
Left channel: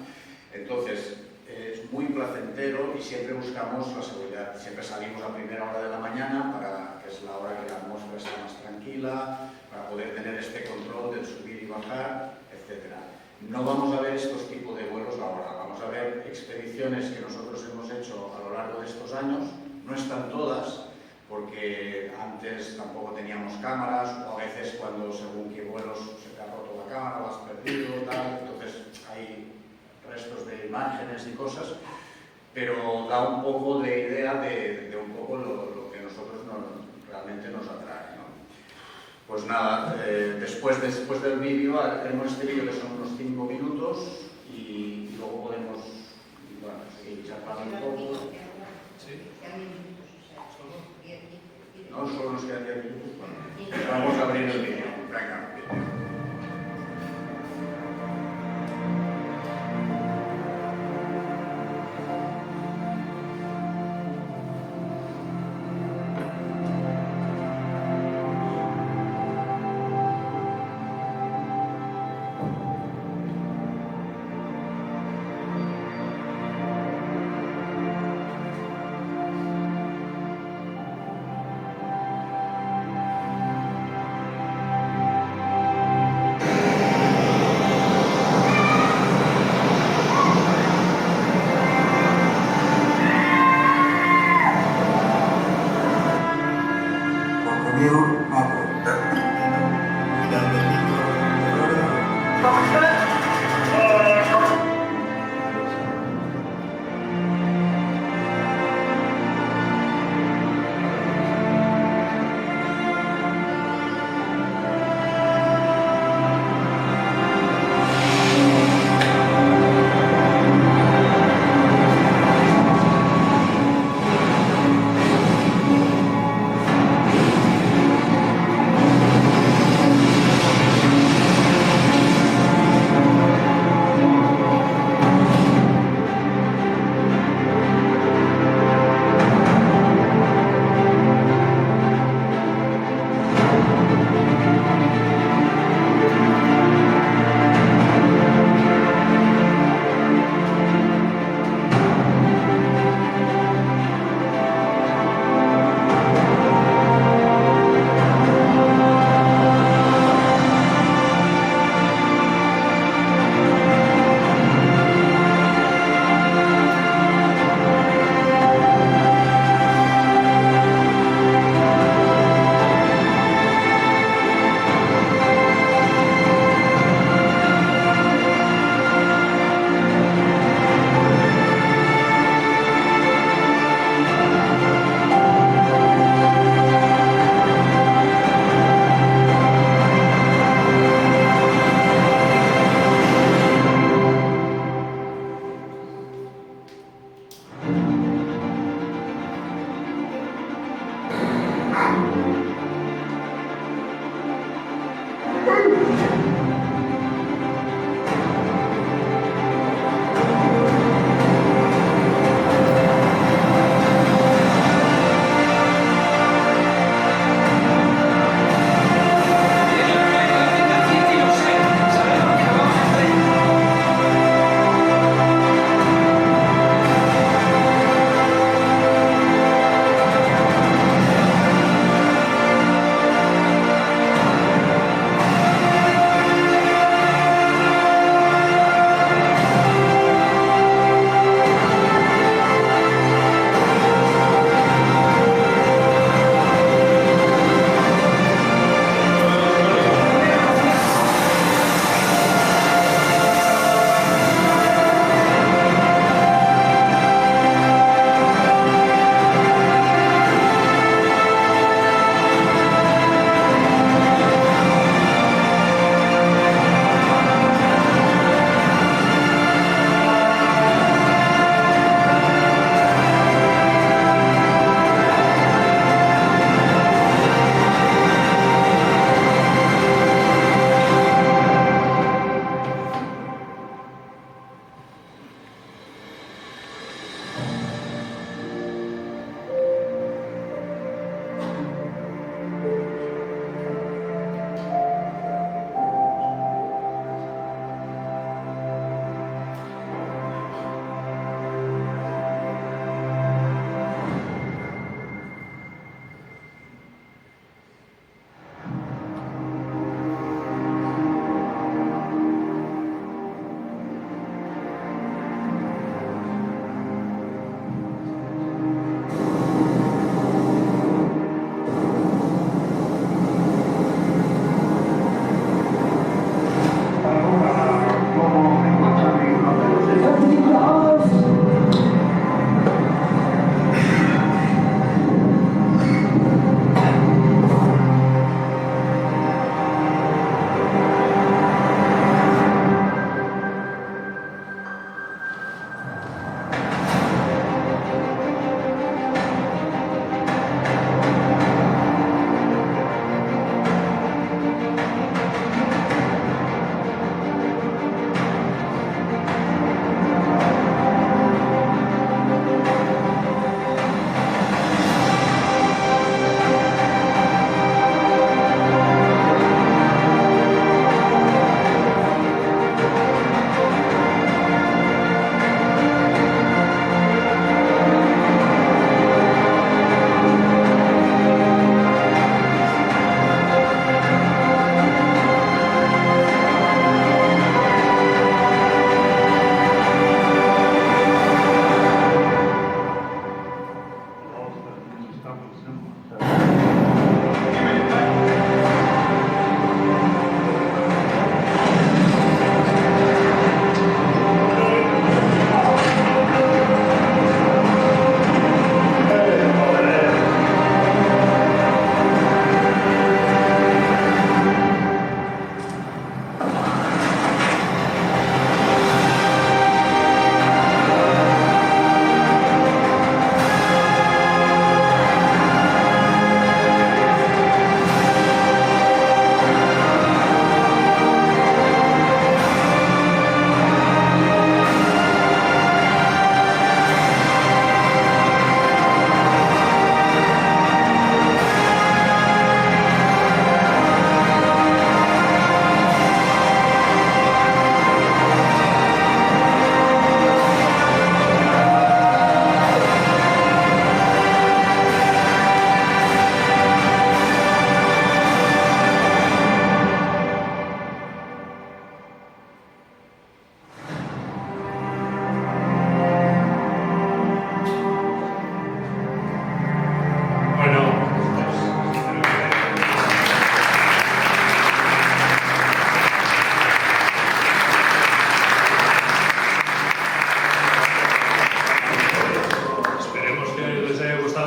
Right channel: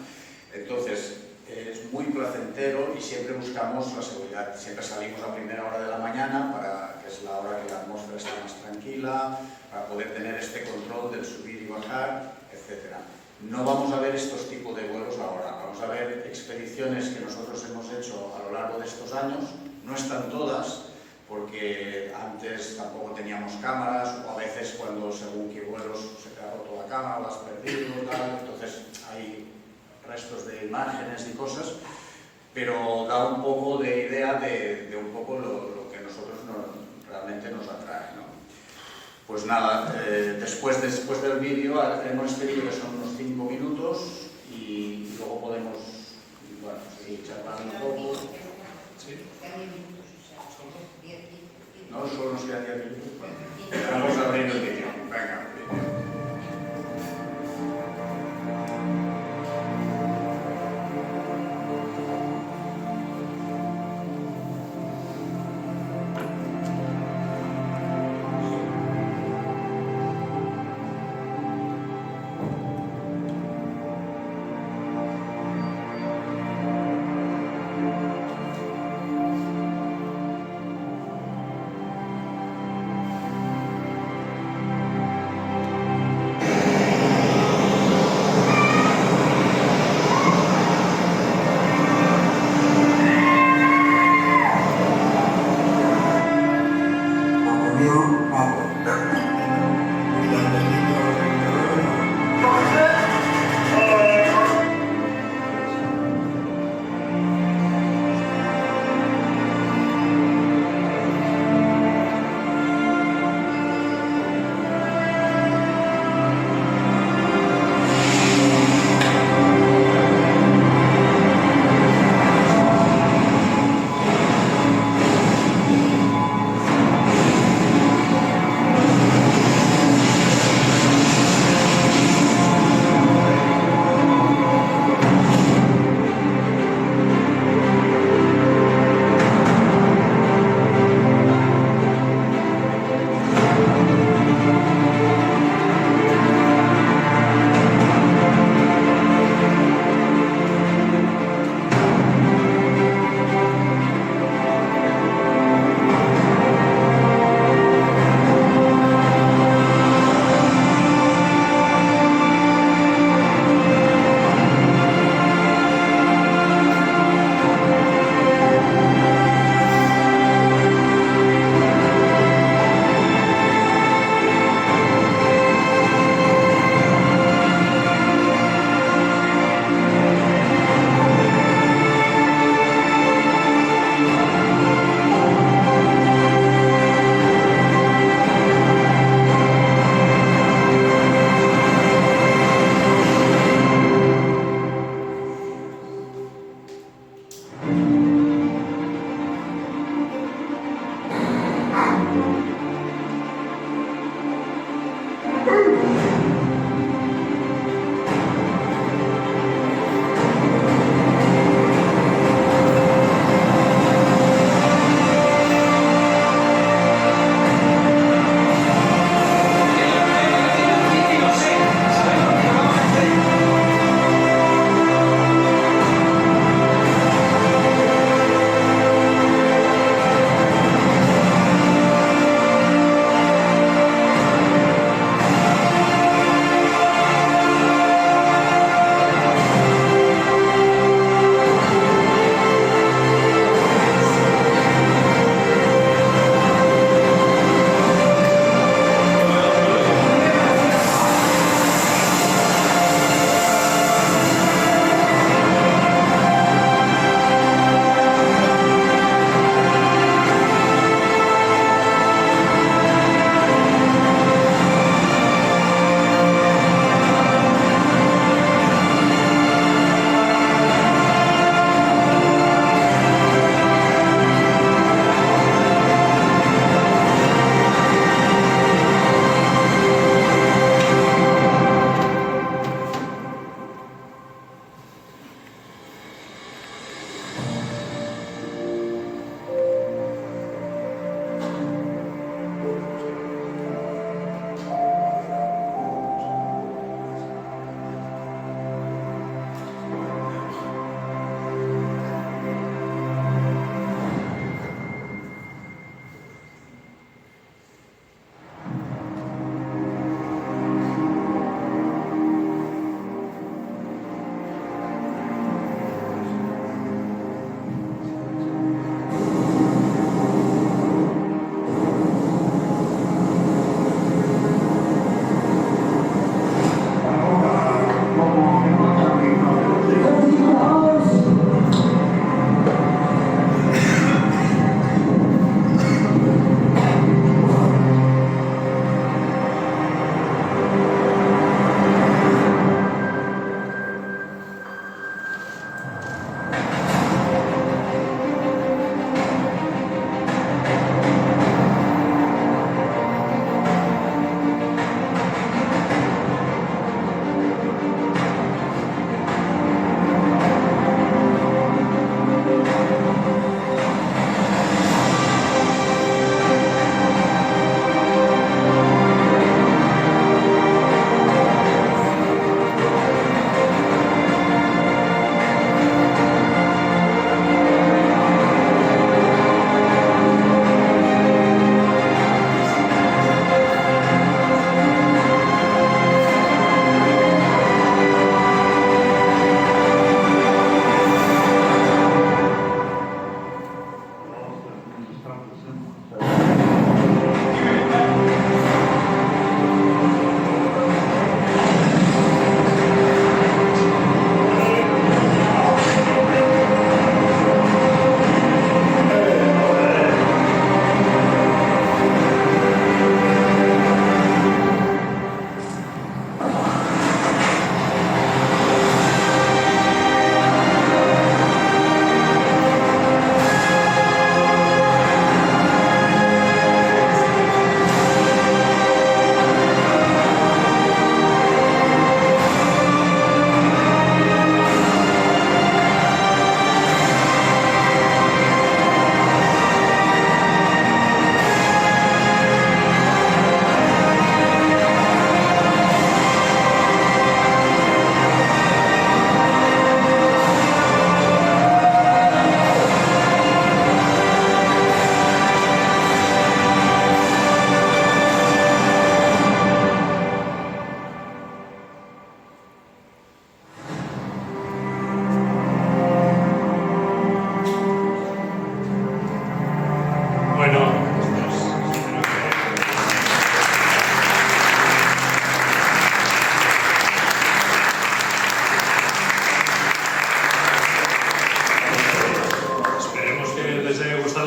entonces es muy placentero y siempre buscamos la seguridad. Siempre salimos a primera hora de la mañana, que es la hora que la atmósfera está más tranquila, para poder tener este control del subir y bajar, etc. No vamos a ver estos tipos de vuelos ahora, vamos a ver expediciones que nosotros hemos hecho a lo largo de estos años. No están todas, porque antes tampoco teníamos cámaras, o a veces cuando según qué vuelos se te ha roto la cámara, lo has perdido, tal, entonces hay restos de imágenes y cosas, pero da un poco de idea de un poco lo que a nosotros realmente nos atrae, ¿no? Pues nada, después del vídeo, haremos este vídeo que son unos 5 minutos y luego podemos, bueno, seguir charlando un poco. ¿Sí? No, solo nos quedan 10 minutos. Vamos a abrir el vídeo. Venga.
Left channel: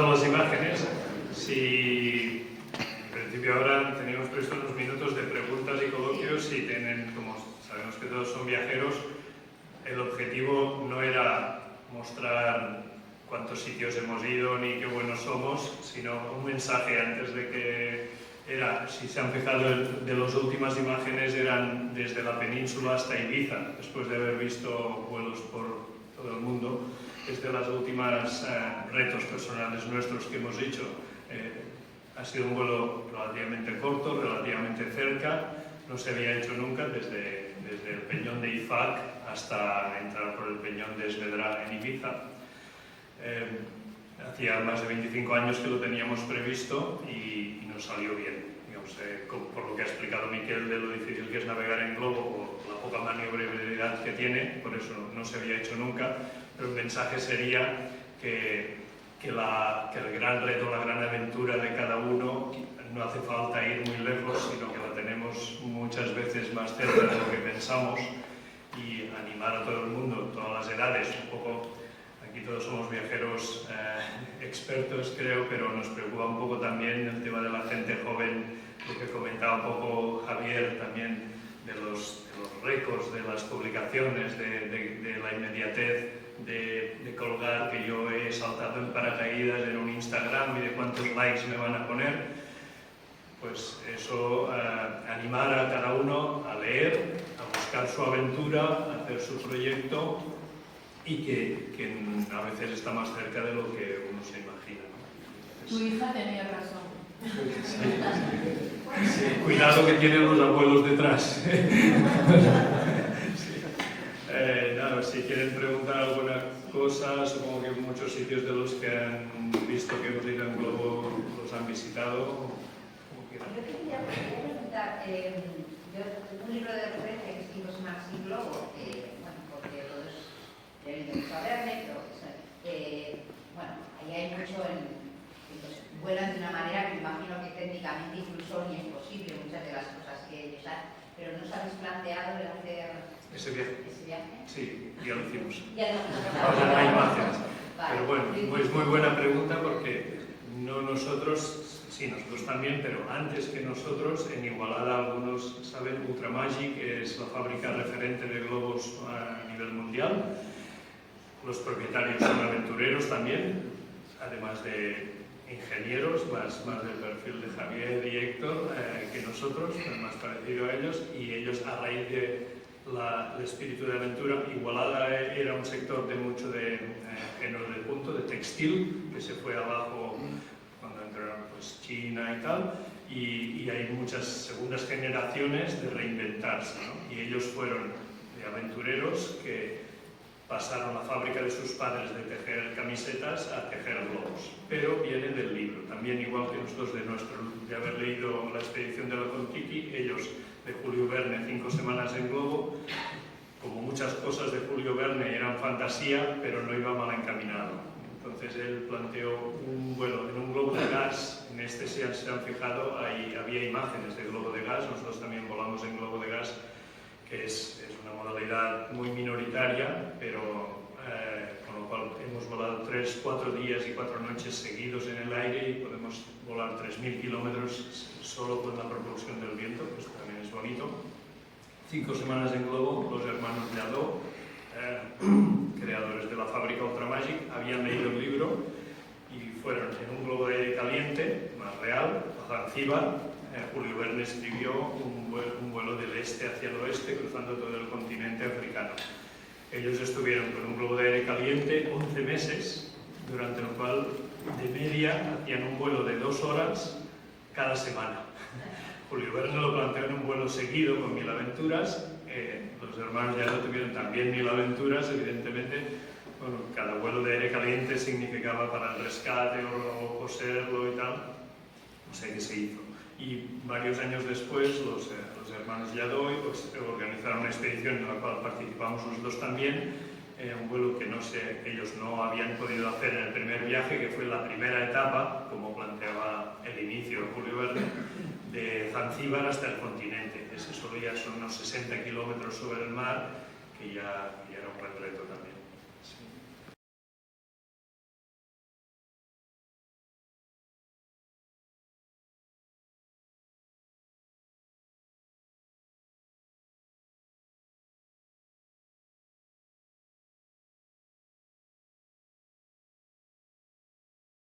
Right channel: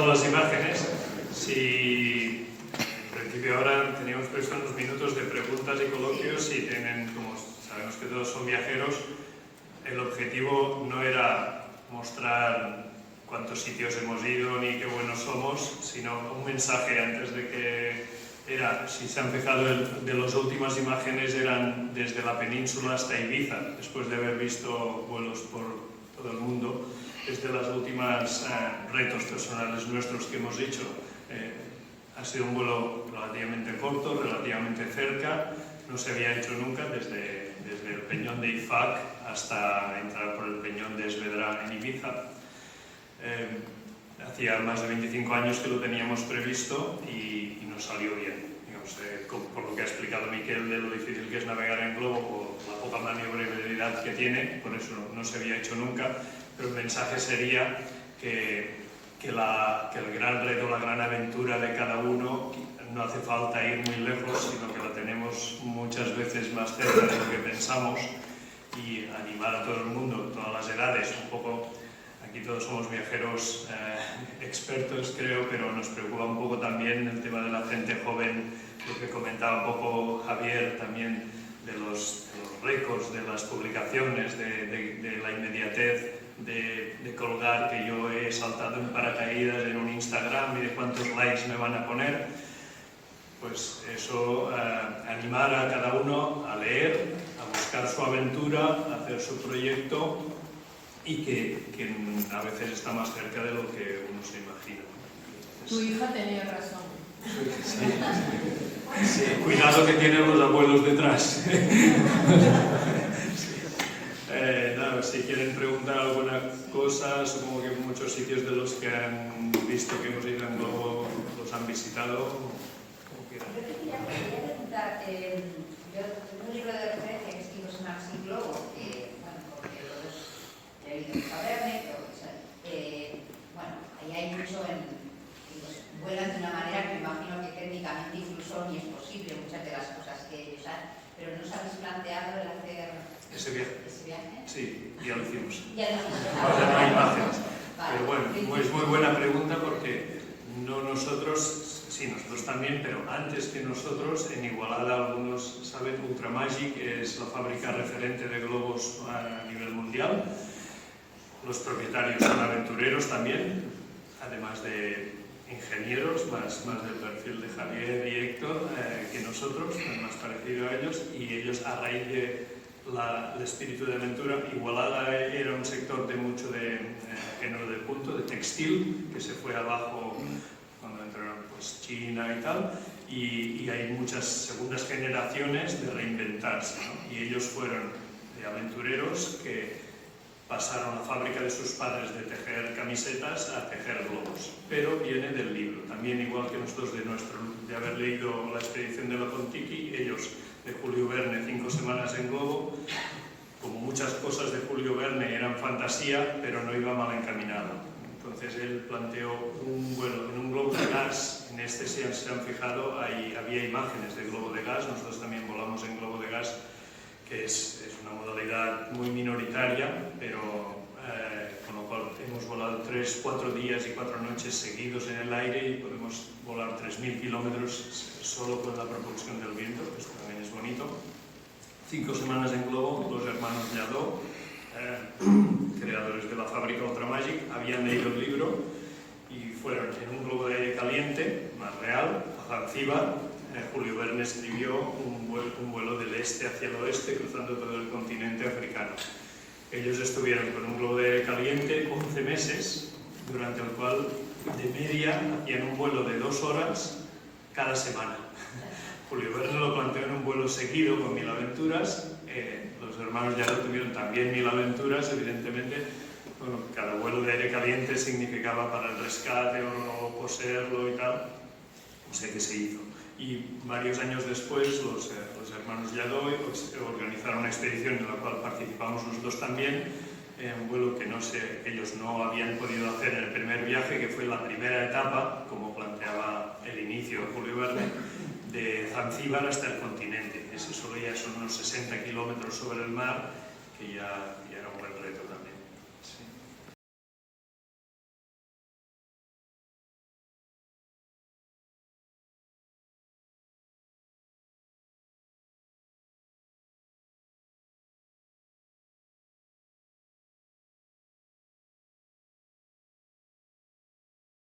pasado las imágenes. Si en principio ahora teníamos previsto unos minutos de preguntas y coloquios, y tienen, como sabemos que todos son viajeros, el objetivo no era mostrar cuántos sitios hemos ido ni qué buenos somos, sino un mensaje antes de que era, si se han fijado, de las últimas imágenes eran desde la península hasta Ibiza, después de haber visto vuelos por todo el mundo. Es de las últimas retos personales nuestros que hemos hecho. Ha sido un vuelo relativamente corto, relativamente cerca, no se había hecho nunca desde el Peñón de Ifac hasta entrar por el Peñón de Esvedra en Ibiza. Hacía más de 25 años que lo teníamos previsto y nos salió bien. Digamos, por lo que ha explicado Miquel de lo difícil que es navegar en globo, por la poca maniobrabilidad que tiene, por eso no se había hecho nunca, pero el mensaje sería que el gran reto, la gran aventura de cada uno no hace falta ir muy lejos, sino que la tenemos muchas veces más cerca de lo que pensamos, y animar a todo el mundo, todas las edades, un poco. Aquí todos somos viajeros expertos, creo, pero nos preocupa un poco también el tema de la gente joven, lo que comentaba un poco Javier también, de los récords, de las publicaciones, de la inmediatez de colgar, que yo he saltado en paracaídas en un Instagram y de cuántos likes me van a poner. Pues eso, animar a cada uno a leer, a buscar su aventura, a hacer su proyecto, y que a veces está más cerca de lo que uno se imagina. Tu hija tenía razón. Sí, cuidado que tienen los abuelos detrás. Nada, si quieren preguntar alguna cosa, supongo que muchos sitios de los que han visto que hemos ido en globo los han visitado. Como quieran. Yo te quería preguntar, yo tengo un libro de referencia que escribo Smart Sea Globo, porque todos he oído saberme, pero bueno, ahí hay mucho vuelan de una manera que me imagino que técnicamente incluso ni es posible muchas de las cosas que ellos hacen, pero ¿no os habéis planteado el hacer ese viaje? Sí, ya lo hicimos. Ya lo hicimos. Ahora no hay imágenes. Vale. Pero bueno, es muy buena pregunta, porque no nosotros, sí, nosotros también, pero antes que nosotros, en Igualada, algunos saben, Ultramagic es la fábrica referente de globos a nivel mundial. Los propietarios son aventureros también, además de ingenieros, más del perfil de Javier y Héctor que nosotros, más parecido a ellos, y ellos, a raíz de el espíritu de aventura, Igualada era un sector de mucho de género de punto, de textil, que se fue abajo cuando entraron pues, China y tal, y hay muchas segundas generaciones de reinventarse, ¿no? Y ellos fueron de aventureros que pasaron la fábrica de sus padres de tejer camisetas a tejer globos, pero viene del libro. También, igual que nosotros de haber leído La expedición de la Kon-Tiki, ellos de Julio Verne, 5 semanas en globo, como muchas cosas de Julio Verne eran fantasía, pero no iba mal encaminado. Entonces él planteó un vuelo en un globo de gas. En este, si se han fijado, había imágenes de globo de gas. Nosotros también volamos en globo de gas, que es una modalidad muy minoritaria, pero con lo cual hemos volado 3-4 días y 4 noches seguidos en el aire, y podemos volar 3.000 kilómetros solo con la propulsión del viento, pues también es bonito. 5 semanas en globo, los hermanos Lladó, creadores de la fábrica Ultramagic, habían leído el libro y fueron en un globo de aire caliente, más real, a Zanzíbar. Julio Verne escribió un vuelo del este hacia el oeste, cruzando todo el continente africano. Ellos estuvieron con un globo de aire caliente 11 meses, durante el cual de media hacían un vuelo de 2 horas cada semana. Julio Verne lo planteó en un vuelo seguido con 1000 aventuras. Los hermanos ya lo tuvieron también 1000 aventuras, evidentemente. Bueno, cada vuelo de aire caliente significaba para el rescate o coserlo y tal. No sé qué se hizo. Y varios años después, los hermanos Lladó organizaron una expedición en la cual participamos nosotros también, un vuelo que ellos no habían podido hacer en el primer viaje, que fue la primera etapa, como planteaba el inicio de Julio Verne, de Zanzíbar hasta el continente. Ese solo ya son unos 60 kilómetros sobre el mar, que ya era un buen reto también. Sí.